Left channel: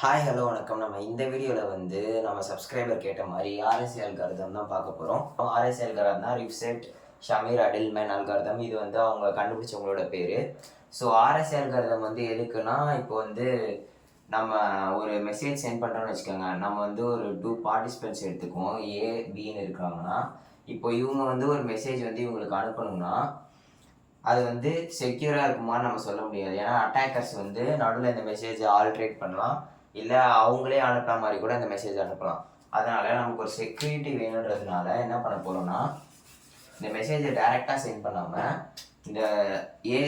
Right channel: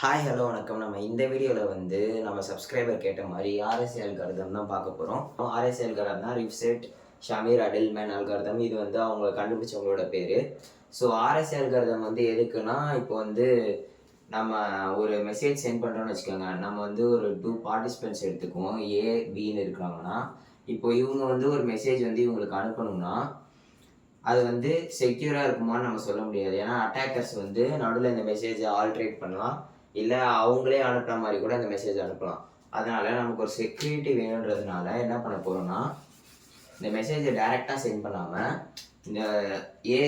Hi hello வணக்கம். நம்ம இந்த வீடியோவில் வந்து நம்ம சப்ஸ்கிரைபர் கேட்ட மாதிரி ஆர்எஸ்எல் அல்காரதம் தான் பார்க்க போகிறோம் ஆர்எஸ்எல் அல்காரதம் தான் ரிப்செட் ஷமீர் அடில்மேன் அல்காரதம் இது வந்து அவங்க கண்டுபிடிச்சவங்களோட பேர். ஸோ ஆர்எஸ்எல் அல்காரதம் வந்து எதுக்குன்னா இப்போ வந்து நம்ம ஒரு மெசேஜ் சென்ட் பண்ணுறோம்னு வச்சுக்கோங்க. நம்ம வந்து ஒரு டூ பார்ட்டிசிபென்ட்ஸ் எடுத்துக்குவோம். ஏ பின்னு இருக்கிறாங்கன்னா இப்போ இவங்க வந்து ஒரு மெசேஜ் வந்து இவங்களுக்கு அனுப்பணும்னா அது வந்து செக்யூராக இருக்குமான்னு நம்ம சொல்ல முடியாது. ஏன்னா அட்டாக்கர்ஸ் வந்து நடுவில் இந்த மெசேஜை ஆல்ட்ரேட் பண்ணலாம். இல்லை அவங்களே அனுப்புற மாதிரி கூட இந்த மெசேஜ் அனுப்பலாம். அதனால் நமக்கு ஒரு செக்யூரிட்டி வேணுன்றதுனால என்ன பண்ண போகிறோம்னா இந்த மெசேஜை டைரெக்டாக சென்ட் பண்ணாமல் இந்த ஏ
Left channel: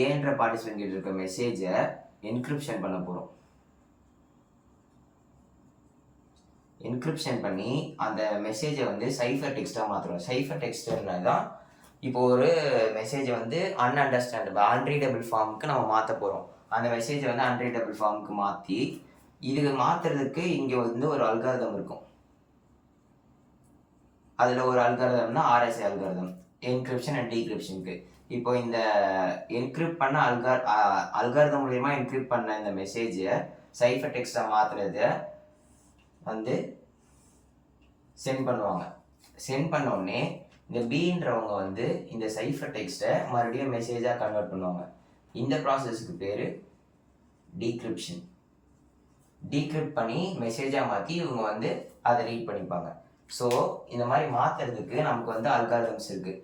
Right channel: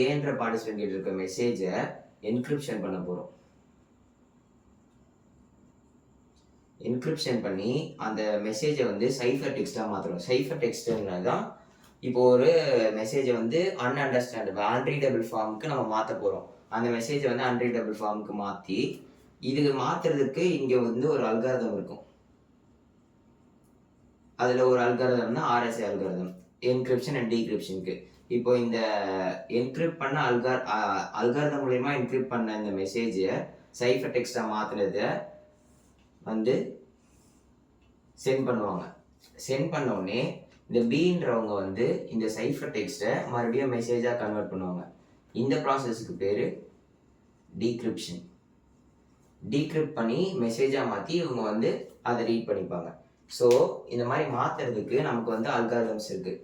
ஏன்ற பார்ட்டிசிபென்ட் கிட்ட இருக்க மெசேஜை என்கிரிப்ஷன் பண்ண போகிறோம் என்கிரிப்ஷன் பண்ணி அந்த மெசேஜை வந்து சைஃபர் டெக்ஸ்ட்டாக மாற்றுறோம் சைஃபர் டெக்ஸ்ட்னா தான் இப்போ ஒரு மெசேஜை வந்து அன்அண்டர்ஸ்டாண்டபிள் அன்ரீடபிள் ஃபார்முக்கு நம்ம மாற்ற போகிறோம் அந்த மெசேஜை வந்து அன்ரீடபிள் ஃபார்முக்கு மாற்றி இதில் மாற்றுறதுக்கு இங்கே வந்து ஒரு அல்காரதம் இருக்கும். அதில் ஒரு அல்காரதம்னா ஆர்எஸ்ஏ அல்காரதம் என்கிரிப்ஷன் அண்ட் டீக்ரிப்ஷனுக்கு இப்போ இந்த என்கிரிப்ட் பண்ண அல்கார் அல்காரதம் மூலயமா என்கிரிப்ட் பண்ண இந்த மெசேஜை சைஃபர் டெக்ஸ்ட்டாக மாற்றுறத வந்து சென்ட் பண்ணுவாங்க. சென்ட் பண்ணோடனே இந்த பீன்றவங்க வந்து இந்த சைஃபர் டெக்ஸ்ட்டை மறுபடியும் மெசேஜாக கன்வெர்ட் பண்ணுவாங்க. இந்த ப்ராசஸ்க்கு பேர் டீக்ரிப்ஷன் டீக்ரிப்ட் பண்ணி மெசேஜாக மாற்றி இவங்க வந்து அதை ரீட் பண்ணிப்பாங்க. ஸோ இந்த மாதிரி மாற்றுறதுக்கு நமக்கு வந்து அல்காரிதம்ஸ் இருக்குது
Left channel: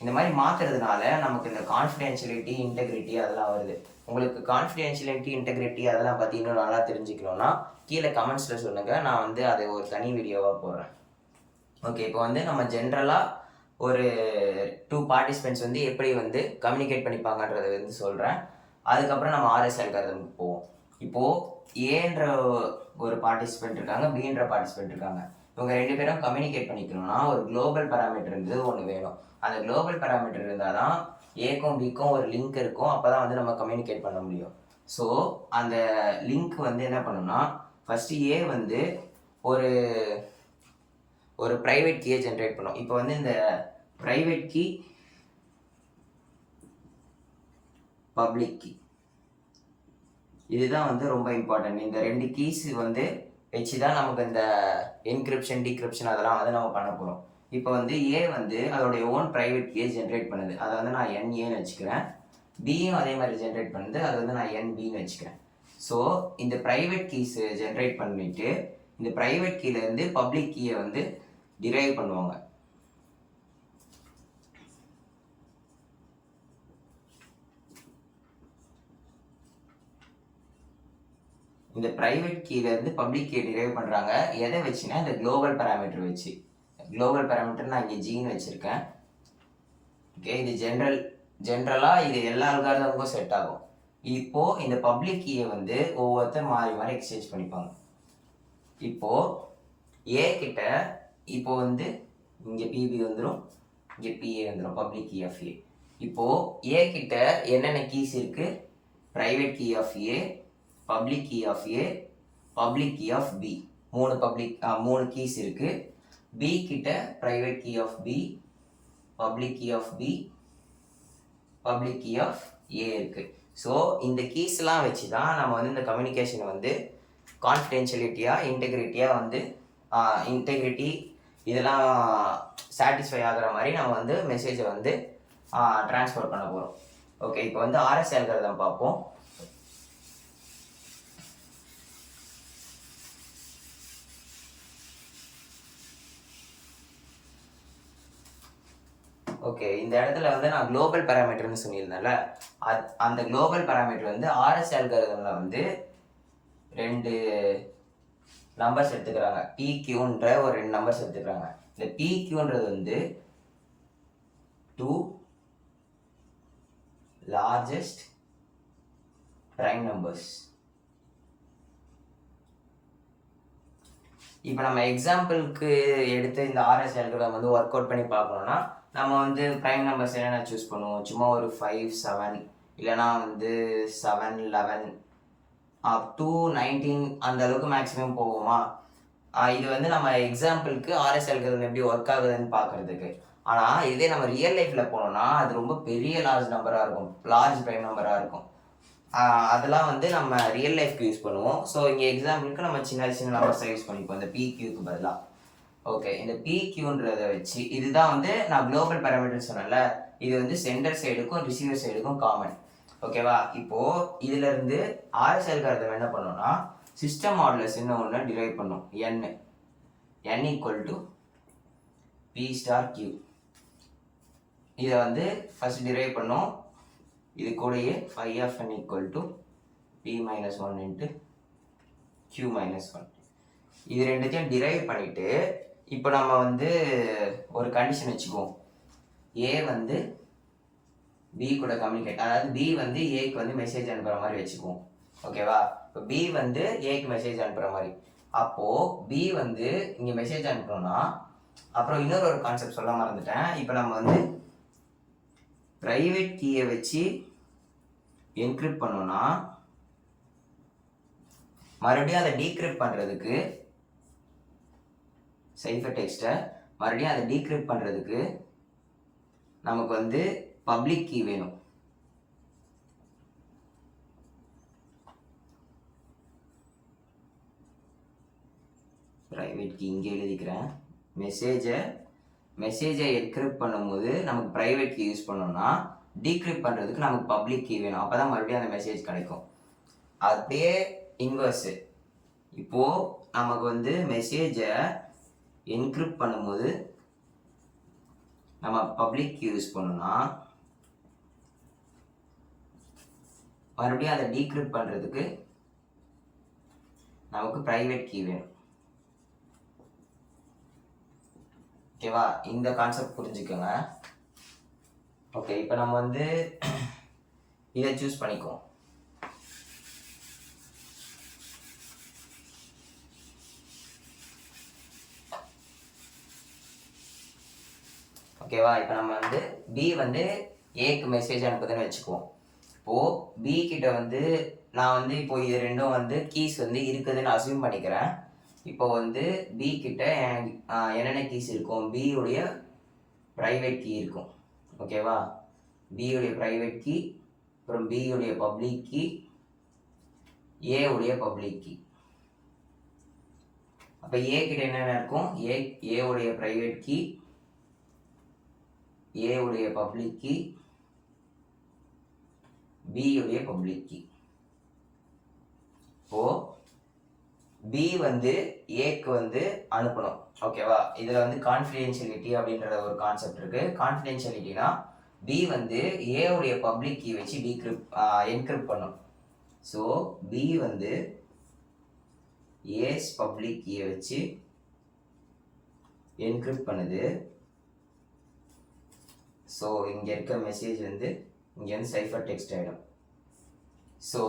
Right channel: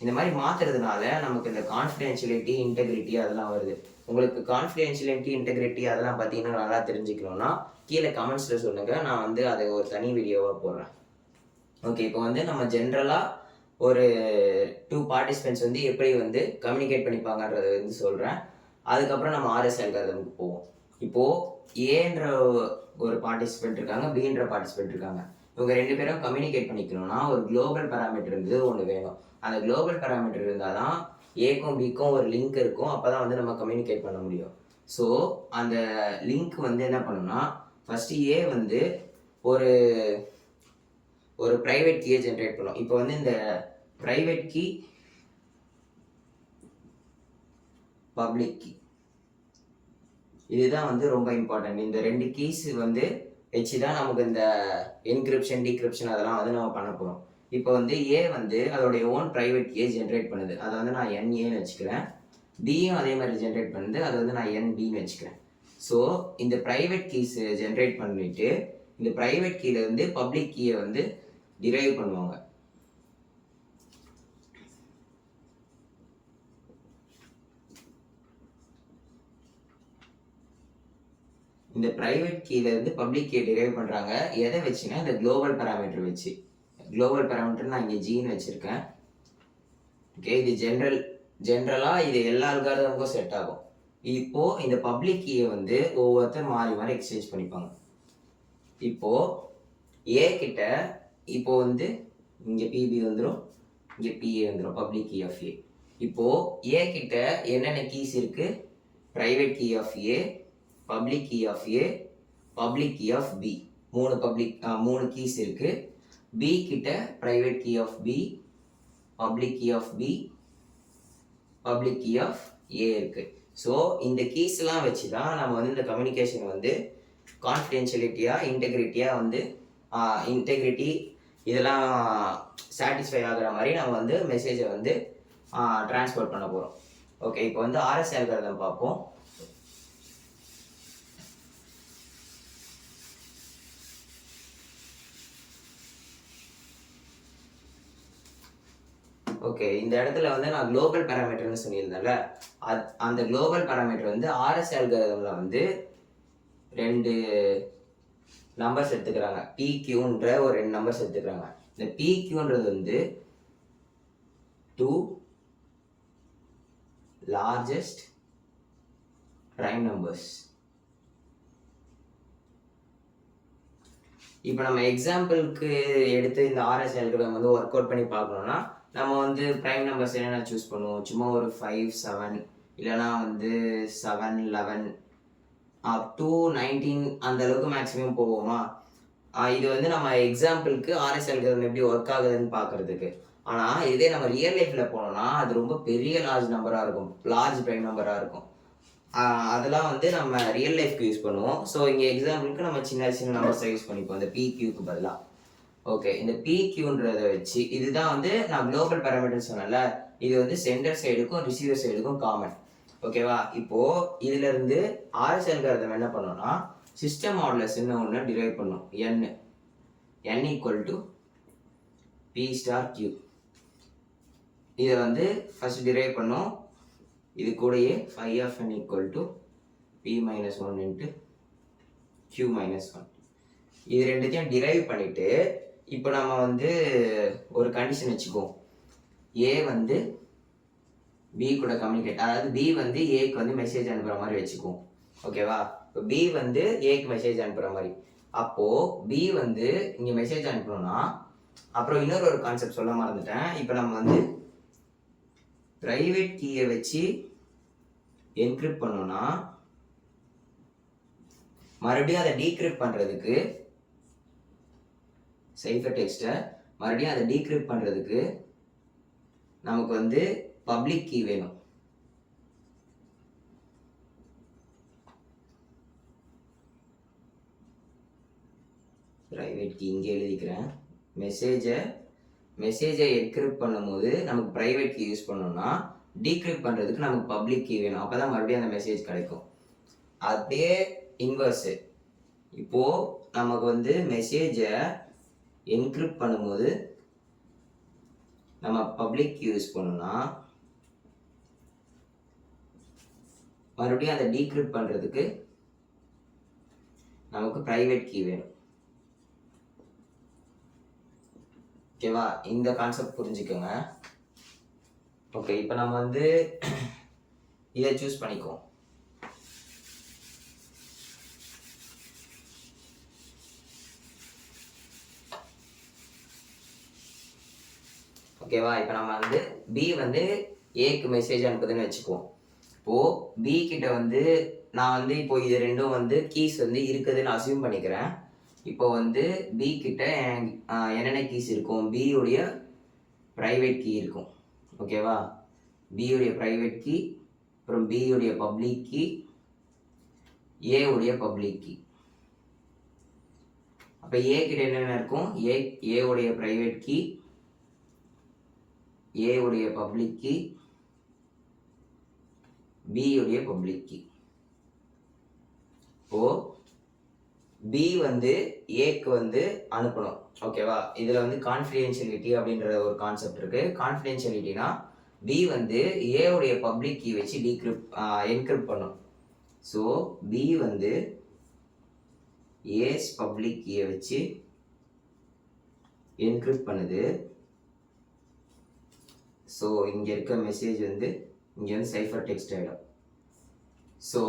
இந்த மாதிரி மாற்றுறதுனால நமக்கு இந்த கான்ஃபிடென்ஷியலிட்டி இன்டெகிரிட்டி அதெல்லாம் வருது. உங்களுக்கு கான்ஃபிடென்ஷியலிட்டி இன்டெகிரிட்டி அதெல்லாம் பற்றி இன்னும் நல்லா தெரிஞ்சுக்கணும்னா கீழே கமெண்ட்ஸில் சொல்லுங்கள் நான் வந்து அதை ஒரு தனி வீடியோவாக போடுறேன். ஓகே இப்போ வந்து நம்ம ஜென்ரலாக ஒரு டூ பார்ட்டிசிபெண்ட்ஸ் வந்து எப்படி வந்து கம்யூனிகேட் பண்ணிப்பாங்கன்றதை வந்து சொல்கிறேன் அதுக்கப்புறம் நம்ம ஆர்எஸ் அல்காரதமுக்கு போவோம். இப்போது ஏன்ற ஒரு பார்ட்டிசிபெண்ட் இருக்காங்க பின்ற பார்ட்டிசிபெண்ட் இருக்காங்க. இவங்க ரெண்டு பேரும் கம்யூனிகேட் பண்ணிக்கணும்னா ஒரு குளோபல் பேராமீட்டர்ன்றது ஒன்று வேணும். அந்த குளோபல் பேராமீட்டர் இருந்தால் தான் ஏக்கும் பிக்கும் ஒரு லிங்க் இருக்கும். அப்போ தான் வந்து நம்ம கம்யூனிகேட் பண்ண முடியும். ஸோ அந்த லிங்க் வந்து என்ன பண்ணணும்னா ஃபஸ்ட்டு ஏ வந்து ஒரு ஒரு ப்ரைவேட் கீயை ஜென்ரேட் பண்ணும். இப்போ வந்து இந்த ப்ரைவேட் கீ பப்ளிக் கீ இதுதான் வந்து ரொம்ப இம்பார்ட்டன்ட் இந்த ரெண்டு கீஸ் வந்து வச்சு தான் நமக்கு இந்த என்கிரிப்ஷன் டிகிரிப்ஷன் அதெல்லாம் வந்து நம்ம பண்ண போகிறோம் இப்போ வந்து ஏ வந்து அதோடைய ஓன் ப்ரைவேட் கீயை ஜென்ரேட் பண்ணுது. அதை வந்து நான் என்ஏன்னு வச்சுக்கிறேன். பியும் அதே மாதிரி ஜென்ரேட் பண்ணுது. அது வந்து நான் என்பின்னு வச்சுக்கிறேன். ஸோ இந்த ப்ரைவேட் கீஸ் ஜென்ரேட் பண்ணிட்டு இந்த ப்ரைவேட் கீலேருந்து பப்ளிக் கீயை வந்து டிரைவ் பண்ணுவாங்க. இந்த ப்ரைவேட் கீலேருந்து பப்ளிக் கீ டிரைவ் பண்ணுறாங்க எதை வச்சுன்னா இந்த குளோபல் பேராமீட்டர் வச்சு. குளோபல் பேராமீட்டர் நான் இங்கே ஜீன் வச்சுருக்கேன். ஓகே இது ஜென்ரல் ஜென்ரலாக இது எல்லா அல்காரதமுக்கும் செட் ஆகும். இப்போது இந்த பப்ளிக் கீயை வந்து ஒவ்வொருத்தர் மாறி மாறி எக்ஸ்சேஞ்ச் பண்ணிப்பாங்க. இப்போது ஏ கிட்ட இப்போ வந்து இங்கே பிபி வந்துடும் இங்கே பிஏ வந்துடும் பப்ளிக் கீ ஆஃப் ஏ இப்போது ஏ கிட்ட என்னென்ன கீஸ் இருக்குது private key of A public key of A public key of B மூணு பப்ளிக் மூணு கீஸ் இருக்குது பி கிட்ட private key of B public key of B public key of A இருக்குது so இந்த கீஸ்லாம் வச்சு தான் நம்ம வந்து இந்த கம்யூனிகேஷனை வந்து கான்ஃபிடென்ஷியலிட்டியாக இன்டெகிரிட்டியாக வந்து இன்டெகிரிட்டி இதெல்லாம் சாட்டிஸ்ஃபை ஆகிற மாதிரி நம்ம வந்து மெசேஜை வந்து ட்ரான்ஸ்ஃபர் பண்ண போகிறோம் ஓகே இப்போ வந்து ஆர்எஸ் அல்காரதம் பார்ப்போம். ஓகே இந்த இடத்துல வந்து நான் குளோபல் பேராமீட்டர்னு சொல்லியிருந்தேன்ல. அது அந்த குளோபல் பேராமீட்டர் வந்து ஆர்எஸ் அல்காரதமில் வந்து ரெண்டு நம்பர்ஸ் எடுத்துக்கிறாங்க. பிக்யூன்ற ஒரு ரெண்டு நம்பர்ஸ் எடுத்துக்கிறாங்க. இந்த பிக்யூன்றது வந்து டூ லார்ஜஸ்ட் ப்ரைம் நம்பர்ஸ் இப்போ நம்ம எக்ஸாம்பிளுக்கு எடுத்து இந்த ஆர்எஸ் அல்காரதம் வந்து ஒர்க் அவுட் பண்ணி பார்க்கணுன்னா நம்ம வந்து ப்ரைம் நம்பர்ஸ் என்னென்ன சூஸ் பண்ணுவோம்? சும்மா ஒரு ஃபைவ் செவன் இல்லைனா வந்து seven eleven up to nineteen அந்த அளவுக்கு மேக்ஸிமம் போவோமா? இது வந்து நம்ம எக்ஸாம்பிளுக்கு ஆர்எஸ் அல்கதம் எப்படி ஒர்க் ஆகுதுன்னு பார்க்கறதுக்கு. ஆனால் இதே நம்ம ரியல் லைஃப்பில் போனோம்னா அது ரொம்ப பெரிய லார்ஜ் நம்பராக இருக்கும். லார்ஜ் ப்ரைம் நம்பராக இருக்கும். அதெல்லாம் வந்து நம்ம ரியல் லைஃப்க்கு யூஸ் பண்ணுவோம். ஸோ இங்கே எக்ஸாம்பிளுக்கு நம்ம சின்ன சின்ன நம்பர்ஸை யூஸ் பண்ணிப்போம். இந்த பிக்யூக்கு பதிலாக ஓகே இந்த பிக்யூன்றதை வச்சு இதுதான் வந்து நான் குளோபல் பேராமீட்டர் சொன்னேன்ல. இது வந்து சென்டர் சைடுக்கும் ரிசீவர் சைடுக்கும் காமன் ஓகேவா இப்போ இதுல இருந்து ஆர்எஸ் அல்காரதம் என்ன பண்ணோம்னா சிஸ்டம் மாடலஸ் என்ன ஒன்று டிரைவ் பண்ணும். N N equal to P star Q இதை வந்து ஃபர்ஸ்ட் டிரைவ் பண்ணோம். இது கூடயே phi of N equal to P minus one into Q minus one இது ரெண்டுத்தையும் டிரைவ் பண்ணிவிட்டு இப்போ நம்ம வந்து ஒரு கண்டிஷன் வச்சுக்குவோம். ஏ வந்து பி கூட கம்யூனிகேட் அதாவது பி வந்து ஏக்கு வந்து மெசேஜ் அனுப்புகிற மாதிரி வச்சுக்குவோம். ஓகேவா இப்போ பி வந்து ஏக்கு மெசேஜ் அனுப்புகிற மாதிரி. அப்போது பி வந்து இங்கே மெசேஜ் அனுப்பணும்னா அப்புறம் இன்னொரு ஒரு கான்செப்ட் சொல்ல மறந்துட்டேன். இப்போ நம்ம வந்து ப்ரைவேட் கீயை வச்சு என்கிரிப்ட் பண்ணோன்னா மறுபடியும் அதை டீக்ரிப்ட் பண்ணுறதுக்கு சைஃபர் டெக்ஸ்ட்டை மறுபடியும் அதை டீக்ரிப்ட் பண்ணுறதுக்கு நமக்கு வந்து பப்ளிக் கீ வேணும். ப்ரைவேட் கீ இங்கே எழுதிக்கிறேன். மெசேஜை மெசேஜை என்கிரிப்ட் பண்ணும்போது நமக்கு ப்ரைவேட் கீ யூஸ் பண்ணோம்னா டீக்ரிப்ட் பண்ணுறதுக்கு நமக்கு பப்ளிக் கீ வேணும். அப்போ தான் மறுபடியும் அந்த மெசேஜ் கிடைக்கும். அப்படியே இன்வர்ஸு இப்போது நமக்கு வந்து மெசேஜை என்கிரிப்ட் பண்ணும்போது நம்ம பப்ளிக் யூஸ் பண்ணோம்னா மறுபடியும் அதை டீக்ரிப்ட் பண்ணுறதுக்கு நமக்கு ப்ரைவேட் கீ வேணும். ஓகேவா இந்த கான்செப்ட் புரிஞ்சுக்கோங்க. ஓகே இப்போ நம்ம வந்து இதை சூஸ் பண்ணிக்குவோம். ஓகேவா இப்போ நம்ம வந்து பி வந்து ஏக்கு மெசேஜ் அனுப்புதுன்னு வச்சுக்குவோம். இப்போது பி கிட்ட வந்து நான் வந்து இப்போ இது ரெண்டும் வந்து கீஸ் வந்து இருக்குதுன்னு அசியூம் பண்ணிக்கிறேன். இப்போ வந்து பி கிட்ட என்- என்னென்ன கீஸ் இருக்கும்? பியுடைய உடைய ப்ரைவேட் கீ இருக்கும். ஓகேவா பியுடைய உடைய ப்ரைவேட் கீ அப்புறம் பியுடைய உடைய பப்ளிக் கீ ஏவுடைய பப்ளிக் கீ அப்போ ஏ கிட்ட என்னென்ன இருக்கும்? ஏ ஏவுடைய ப்ரைவேட் கீ ஏ உடைய பப்ளிக் கீ பி உடைய பப்ளிக் கீ. இப்போ பி வந்து ஏக்கு வந்து அனுப்பணும். ஓகேவா இதில் வந்து கான்ஃபிடென்ஷியலிட்டி அப்படின்ற ஒரு கான்செப்ட் இருக்குது கான்ஃபிடென்ஷியலிட்டினா பி வந்து ஏ உடைய பப்ளிக் கீ வச்சு டீக்ரிப் என்கிரிப்ட் பண்ணும். ஸோ பி வந்து ஏஸ் பப்ளிக் கீயை வச்சு என்கிரிப்ட் பண்ணுது. ஸோ இங்கே இருக்க மெசேஜ் வந்து இங்கே வந்து சைஃபர் டெக்ஸ்ட் ஆகிடும் ஸோ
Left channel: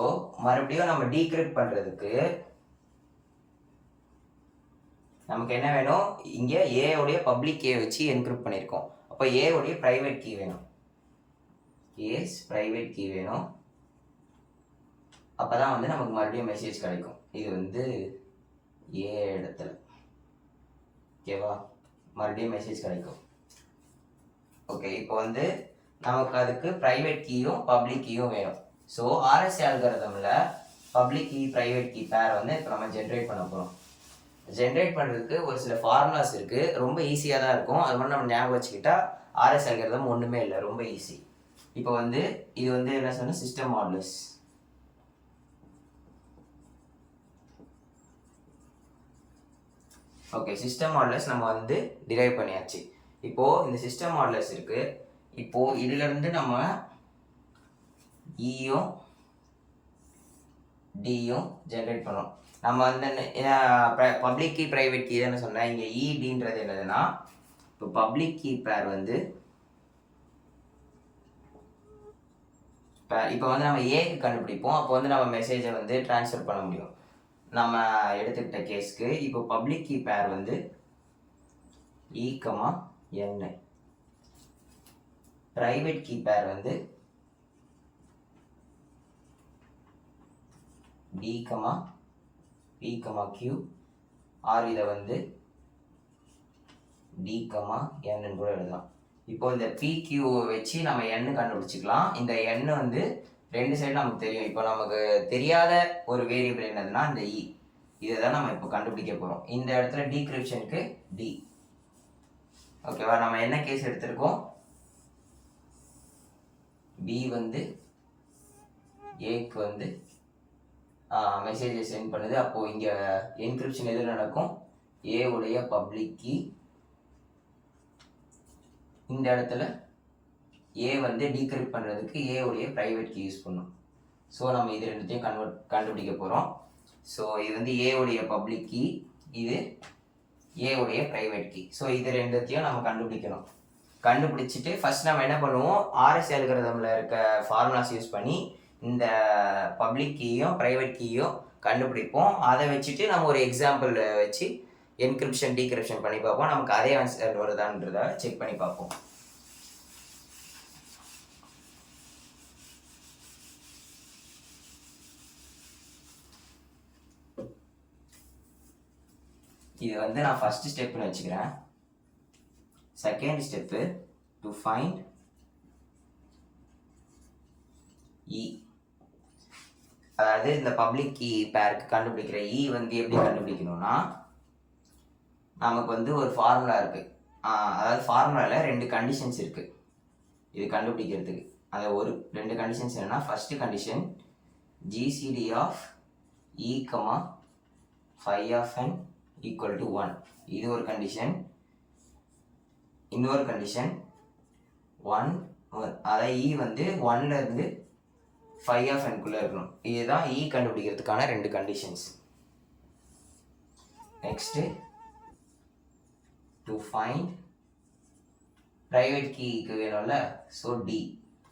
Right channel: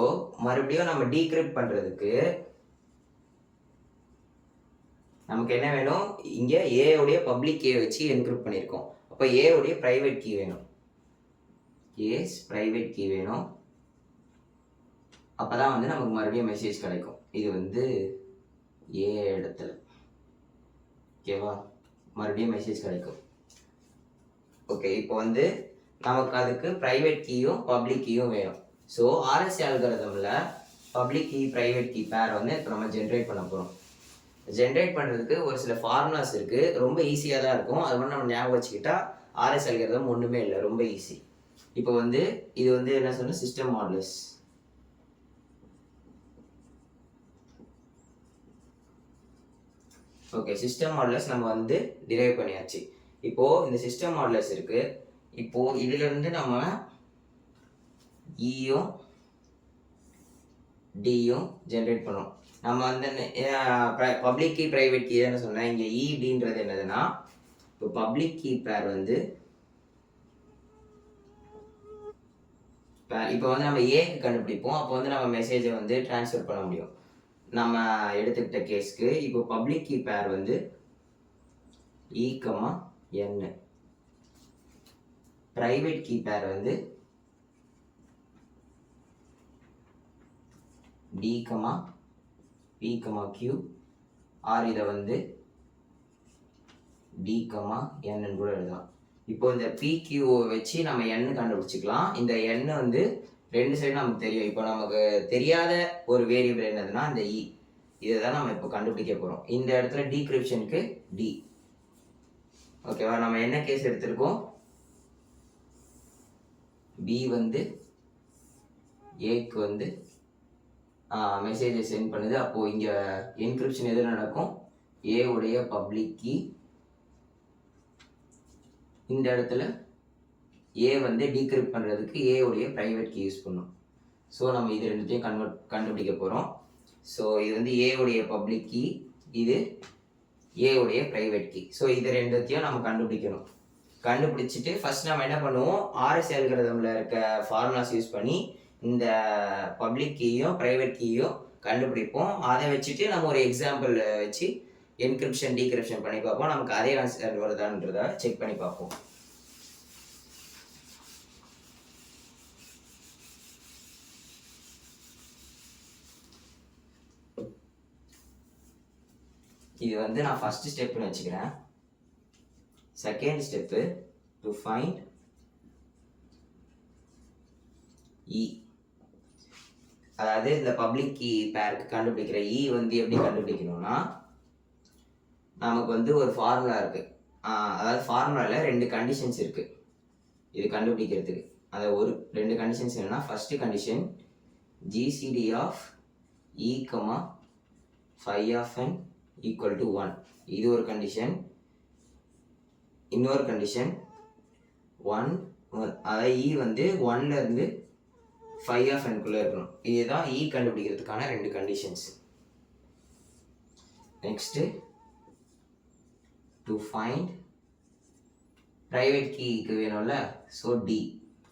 மறுபடியும் நம்ம டீக்ரிப்ட் பண்ணுறதுக்கு நமக்கு என்ன வேணும்? இங்கே ஏவுடைய பப்ளிக் கீ வச்சு என்க்ரிப்ட் பண்ணியிருக்கோம் அப்போ ஏவுடைய ப்ரைவேட் கீ வேணும். ஏஸ் ப்ரைவேட் கீ வேணும். அப்போ தான் வந்து நமக்கு மறுபடியும் மெசேஜ் கிடைக்கும். இது வந்து ஏ இடத்துல. ஓகேவா மறுபடியும் மெசேஜ் கிடைக்கும். ஓகே இப்போ வந்து நமக்கு அதுக்கு ப்ரைவேட் கீயும் பப்ளிக் கீயும் வேணும். So RSC அல்காரதமில் public key private key pair வந்து இப்போ நம்ம ஜென்ரேட் பண்ண போகிறோம் ஜென்ரேட் பண்ணுறதுக்கு ஒரு சில ஃபார்முலாஸ் இருக்குது ரொம்ப ஈஸியாக தான் இருக்கும். அது மாதிரி நம்ம ஞாபகம் வச்சுக்கிட்டா ஆர்எஸ் அல்காரதம் ஒன்றுமே இல்லை. ரொம்ப ஈஸி இப்போ வந்து இது வந்து என்ன சொன்ன? System modulus okay system modulus நம்ம வந்து டிரைவ் பண்ணியாச்சு. இப்போ இந்த சிஸ்டம் மாடலஸ் இருக்கு. இப்போ இதுல இருந்து நம்ம e இயும் டியும் ஜென்ரேட் பண்ணோம் நம்ம வந்து பப்ளிக் கீ ப்ரைவேட் கீ தானே சொன்னேன். இங்கே இடின்றது e, என்னதுன்னா இப்போ பப்ளிக் கீ பேர் வந்து இப்போ இப்போ வந்து நம்ம ஏக்கு கண்டுபிடிப்போம். அப்போ வந்து நம்ம மெசேஜை வந்து ட்ரான்ஸ்ஃபர் பண்ண முடியும். நம்ம எடுத்துக்கிட்ட கேஸ்க்கு இப்போ பப்ளிக் கீ பேர் வந்து e, ஈக்கமாக என் ப்ரைவேட் கீ பேர் வந்து D comma P comma Q or இதை வந்து டி கமா என்னு கூட எழுதலாம். இப்போ இந்த பி கியூவை வச்சு நம்ம எண்ணு கண்டுபிடிச்சிக்கலாம். இந்த எண்ணு வந்து ரெண்டு சைடு நமக்கு தெரியும். இப்போ நமக்கு தெரியாத ஒரு வேரியபிள் என்னதுன்னா இந்த e. இ இதை தான் நம்ம இப்போ கண்டுபிடிக்க போகிறோம் இந்த இடத்துல டீக்ரிப்ஷனுக்கு டி ஓகேவா நம்ம என்ன கேஸ் எடுத்திருக்கோம்? பி வந்து ஏக்கு வந்து மெசேஜை சென்ட் பண்ணுது. அப்போது இங்கே என்கிரிப்ஷன் எது நடக்கும்? ஏ உடைய பப்ளிக் கீ. இந்த இடத்துல ஏ வந்து டீக்ரிப்ட் பண்ணுறதுக்கு ஏ உடைய ப்ரைவேட் கீ யூஸ் பண்ணும். ஸோ நம்ம இது ரெண்டுத்தையும் கன்வெர்ட் கண்டுபிடிக்க போகிறோம் ஸோ இது வந்து ஏ உடைய பப்ளிக் கீ. இது ஏ உடைய ப்ரைவேட் கீ ஸோ இது ரெண்டுத்தையும் நம்ம கண்டுபிடிக்கணும். கண்டுபிடிச்சிட்டு ஃபர்ஸ்ட் நம்ம என்ன பண்ணுவோம்? ஆர்எஸ் அல்கிரதமில் இருக்க ஃபார்முலாஸ் யூஸ் பண்ணி இந்த பப்ளிக் கீயும் ப்ரைவேட் கீயும் கண்டுபிடிப்போம். அதை வச்சுட்டு நம்ம ஒரு எக்ஸாம்பிள் வச்சு என்கிரிப்ஷன் டீக்ரிப்ஷன் பண்ணி பார்ப்போம். நமக்கு அதே ஆன்சர் வருதான்றத செக் பண்ணி பார்ப்போம். இது வந்து நான் ஃபர்ஸ்ட் ஸ்டெப்னு வச்சுக்கிறேன். Second step to find E அதாவது இந்த பப்ளிக் கீ பேருக்கு கண்டுபிடிக்கிற இ வந்து எப்படி கண்டுபிடிக்கணும்னா நமக்கு வந்து ஒரு ஃபார்முலா இருக்குது அதாவது ஃபார்முலாவில் ரெண்டு கண்டிஷன்ஸ் இருக்குது இது கண்டுபிடிக்கிறதுக்கு. அந்த ஒரு ரெண்டு கண்டிஷன்ஸ் என்னென்னா first condition GCD of E comma phi of N equal to one இது ஒரு கண்டிஷன் இன்னொரு கண்டிஷன் ஒன் அதாவது இ வந்து ஒன்லேருந்து ஃபைவ் ஆஃப் என்குள்ளே இருக்கணும். இதுதான் இ கண்டுபிடிக்கிறதுக்கான ரெண்டு conditions next to find private கீக்கு வேணும்ல? ஸோ டி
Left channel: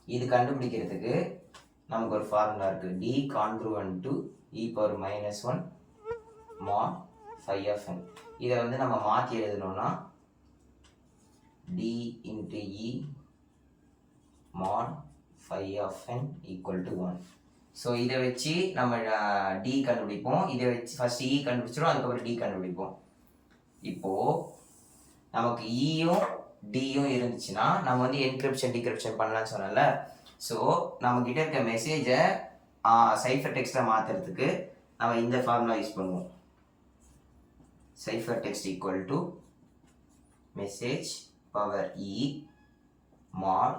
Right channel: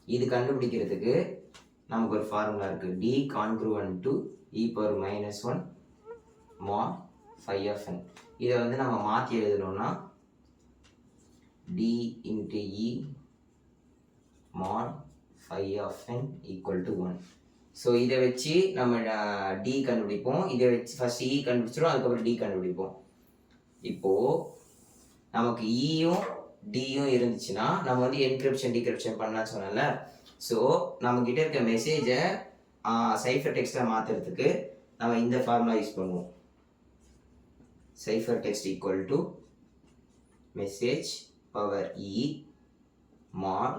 இது கண்டுபிடிக்கிறதுக்கு நமக்கு ஒரு ஃபார்முலா இருக்குது D congruent to E power minus one mod phi of N இதை வந்து நம்ம மாற்றி எழுதணும்னா D into E mod phi of N equal to one so இதை வச்சு நம்ம டி கண்டுபிடிப்போம். இதை வச்சு ஃபர்ஸ்ட் இ e கண்டுபிடிச்சிடும் அதுக்கப்புறம் டி கண்டுபிடிப்போம். இப்போது நமக்கு e இயும் டியும் இருந்துச்சுன்னா நம்ம வந்து என்கிரிப்ஷன் டிகிரிப்ஷன் பண்ணலாம்னு சொன்னல ஸோ நம்மக்கிட்ட இருக்க மெசேஜை சைஃபர் டெக்ஸ்ட்டாக மாற்றுறதுக்கு நம்ம இந்த ஃபார்முலா யூஸ் பண்ணுவோம். Cipher text equal to message power E mod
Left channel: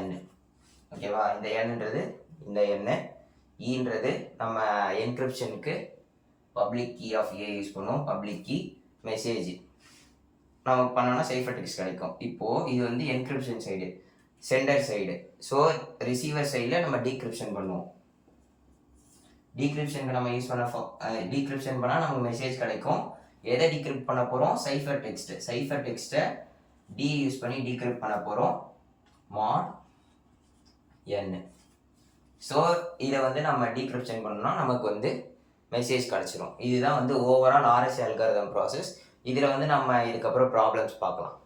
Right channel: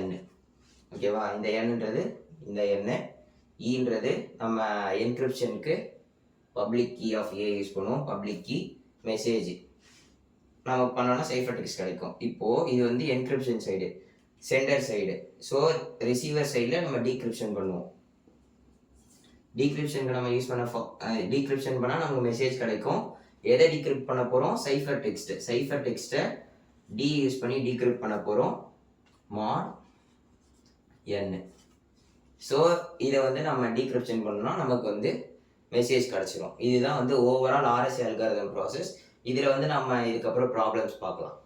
n. ஓகேவா இந்த எண்ணுன்றது இந்த எண்ணு ஈன்றது e நம்ம என்கிரிப்ஷனுக்கு public key of A use பண்ணுவோம். பப்ளிக் கீ மெசேஜ் நம்ம பண்ணோம்னா சைஃபர் டெக்ஸ்ட் கிடைக்கும். இப்போது இது வந்து encryption side sender side so receiver சைடில் நம்ம டீக்ரிப்ஷன் பண்ணுவோம். டீக்ரிப்ஷனுக்கு நம்ம யூஸ் பண்ண டீக்ரிப்ஷன் பண்ணால் நமக்கு மெசேஜ் கிடைக்கும். எதை டீக்ரிப்ட் பண்ண போகிறோம் சைஃபர் டெக்ஸ்ட்டு சைஃபர் டெக்ஸ்ட்டை டி யூஸ் பண்ணி டீக்ரிப்ட் பண்ண போகிறோம் மாட் என் ஸோ இதை வந்து நம்ம டீக்ரிப்ஷன் பண்ணோம்னா நமக்கு வந்து மெசேஜ் கிடச்சிரும். இதுதான் வந்து ஓவரால் ஆர்எஸ் அல்காரிதம் ப்ராசஸ் இதில் வந்து நம்ம இதுக்கப்புறம் ப்ராப்ளம்ஸ் பார்க்கலாம்.